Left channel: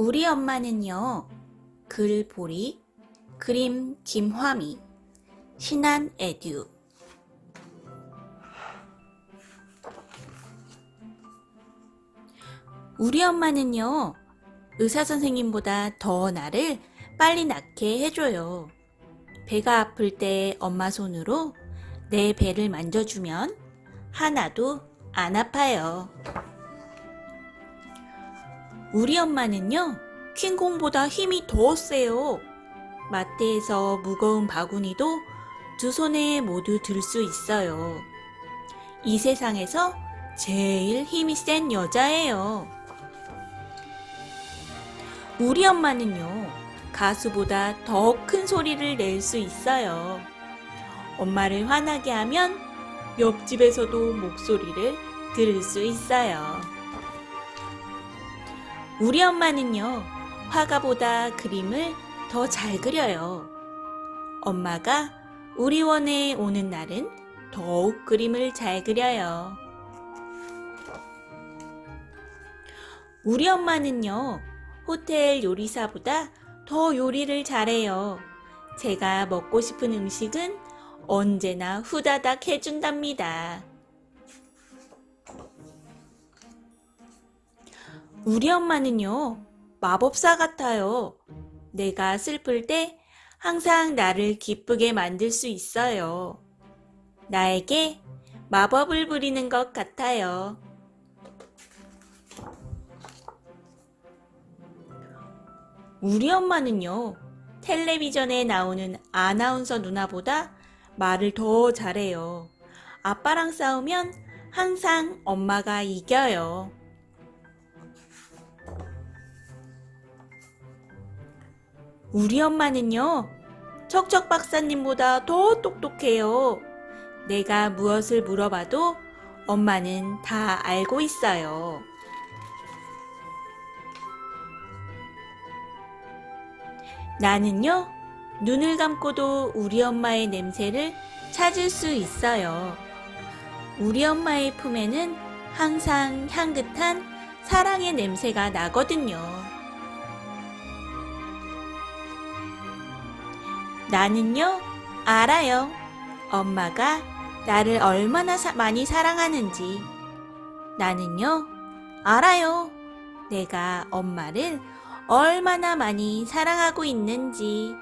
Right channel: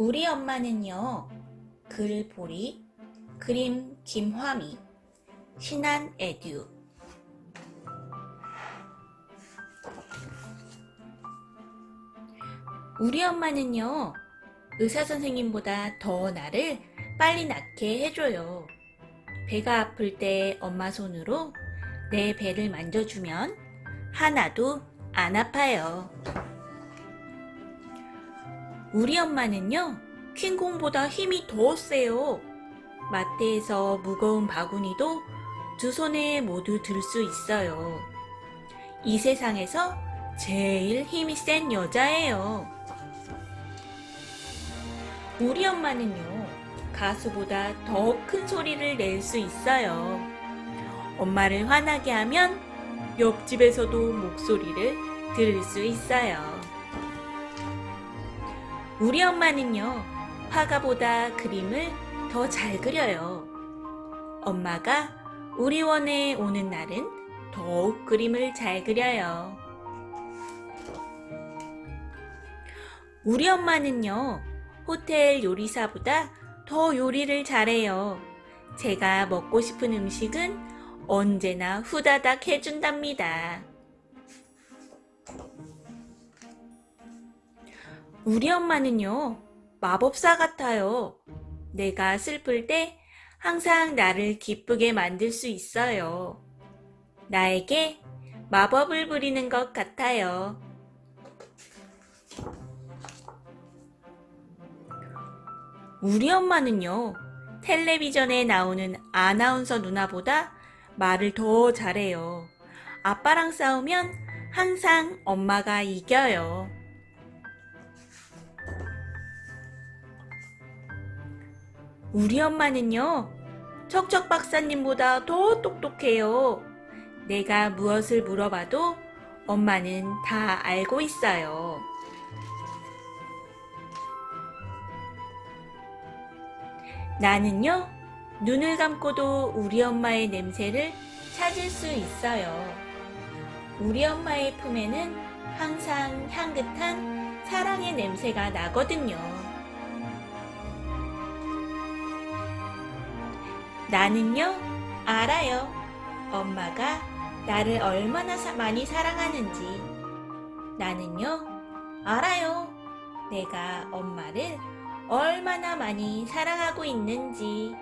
우리 엄마는요, 글보리, 그림 김화미, 신한 에듀. 우리 엄마는요, 의사 선생님보다 더 나를 빨리 낫게 해줘요. 배가 아플 때 엄마 손으로 내 배를 만져주면 하나도 안 아파요. 우리 엄마는요, 킹콩보다 힘이 더 세요. 마트에서 무거운 바구니도 두 손에 모두 들 수 있어요. 이 세상에서 제일 힘이 센 여자예요. 우리 엄마는요, 가수보다 더 큰 소리를 낼 수 있어요. 엄마를 화나게 하면 옆집에서도 목소리를 들을 수 있어요. 우리 엄마는요, 화가보다 그림을 더 잘 그려요. 엄마가 우리 원에 오는 날은 더욱 그림을 잘 그려요. 우리 엄마는요, 호텔 요리사보다 더 요리를 잘해요. 제가 먹고 싶은 음식은 언제나 후다닥 해준답니다. 우리 엄마는요, 마법사 같아요. 내가 슬플 때 항상 나를 기쁘게 만들 수 있어요. 나에게 마법을 부리는 것 같아요. 우리 엄마는요, 텔레비전에 나오는 아나운서 누나보다 말을 더 잘해요. 아빠랑 싸우면 항상 엄마가 이겨요. 우리 엄마는요, 척척 박사님보다 더 똑똑해요. 내가 무엇을 물어봐도 엄마는 다 알고 있어요. 나는요, 눈을 감고도 우리 엄마의 냄새를 찾을 수 있어요. 우리 엄마의 품에는 항상 향긋한 사랑의 냄새가 나거든요. 나는요, 알아요. 엄마가 나를 얼마나 사- 많이 사랑하는지. 나는요, 알아요. 내가 엄마를 얼마나 많이 사랑하고 있는지.